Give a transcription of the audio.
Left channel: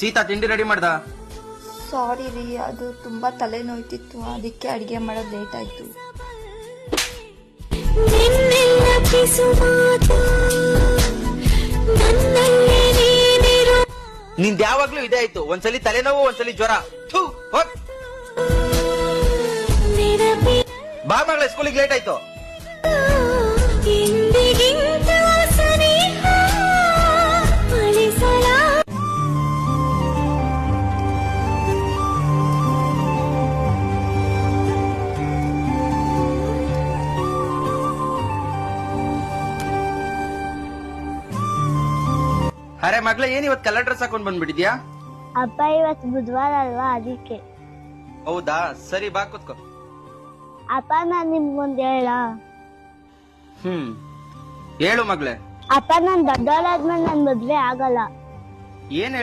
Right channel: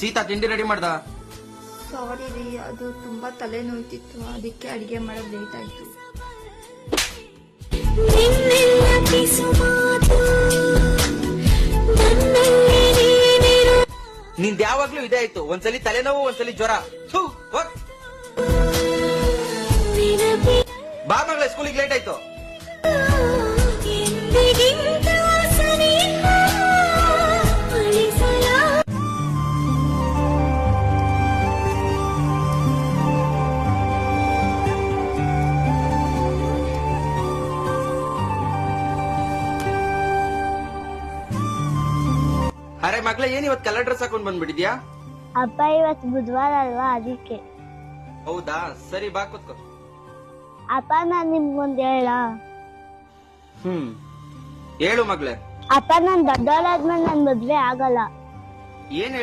ಸೀತಾ ತಿಂಡಿ ರೆಡಿ ಮಾಡ್ದ? ಸಾರಿ ರೀ, ಅದು ತುಂಬಾ ತಲೆನೋಯ್ತಿತ್ತು, ಅದಕ್ಕೆ ಅಡಿಗೆ ಮಾಡೋದು ಲೇಟ್ ಆಯ್ತು. ನಿಂದ್ ಯಾವಾಗ್ಲೂ ಇದೇ ಆಯ್ತು, ಒಂದ್ಸಲಿ ತಲೆನೋವು, ಒಂದ್ಸಲಿ ಜ್ವರ. ಥು, ಹೋಗ್. ಬಾ ಮಗಳ, ಸ್ಕೂಲಿಗೆ ಲೇಟ್ ಆಯ್ತು. ಅರೆ ಮಗ್ಳ, ಏನ್ ಇವತ್ ಕಲರ್ ಡ್ರೆಸ್ ಹಾಕೊಂಡ್ ಬಂದ್ಬಿಟ್ಟಿದ್ಯಾ? ಅಪ್ಪ ಇವತ್ತು ಬುಧವಾರ ಅಲ್ವಾ, ಅದಕ್ಕೆ. ಹೌದಾ, ಸರಿ ಬಾ ಕೂತ್ಕೋ. ಅಪ್ಪ ನಾನ್ ನಿಮ್ಗೊಂದ್ ಹೇಳ. ಹೇಳು ಮಗ್ಳೆ. ಅಪ್ಪ ನಾನ್ ದೊಡ್ಡವಳಾದ್ಮೇಲೆ ನನ್ ಮದ್ವೆ ಆಗಲ್ಲ. ಏನ್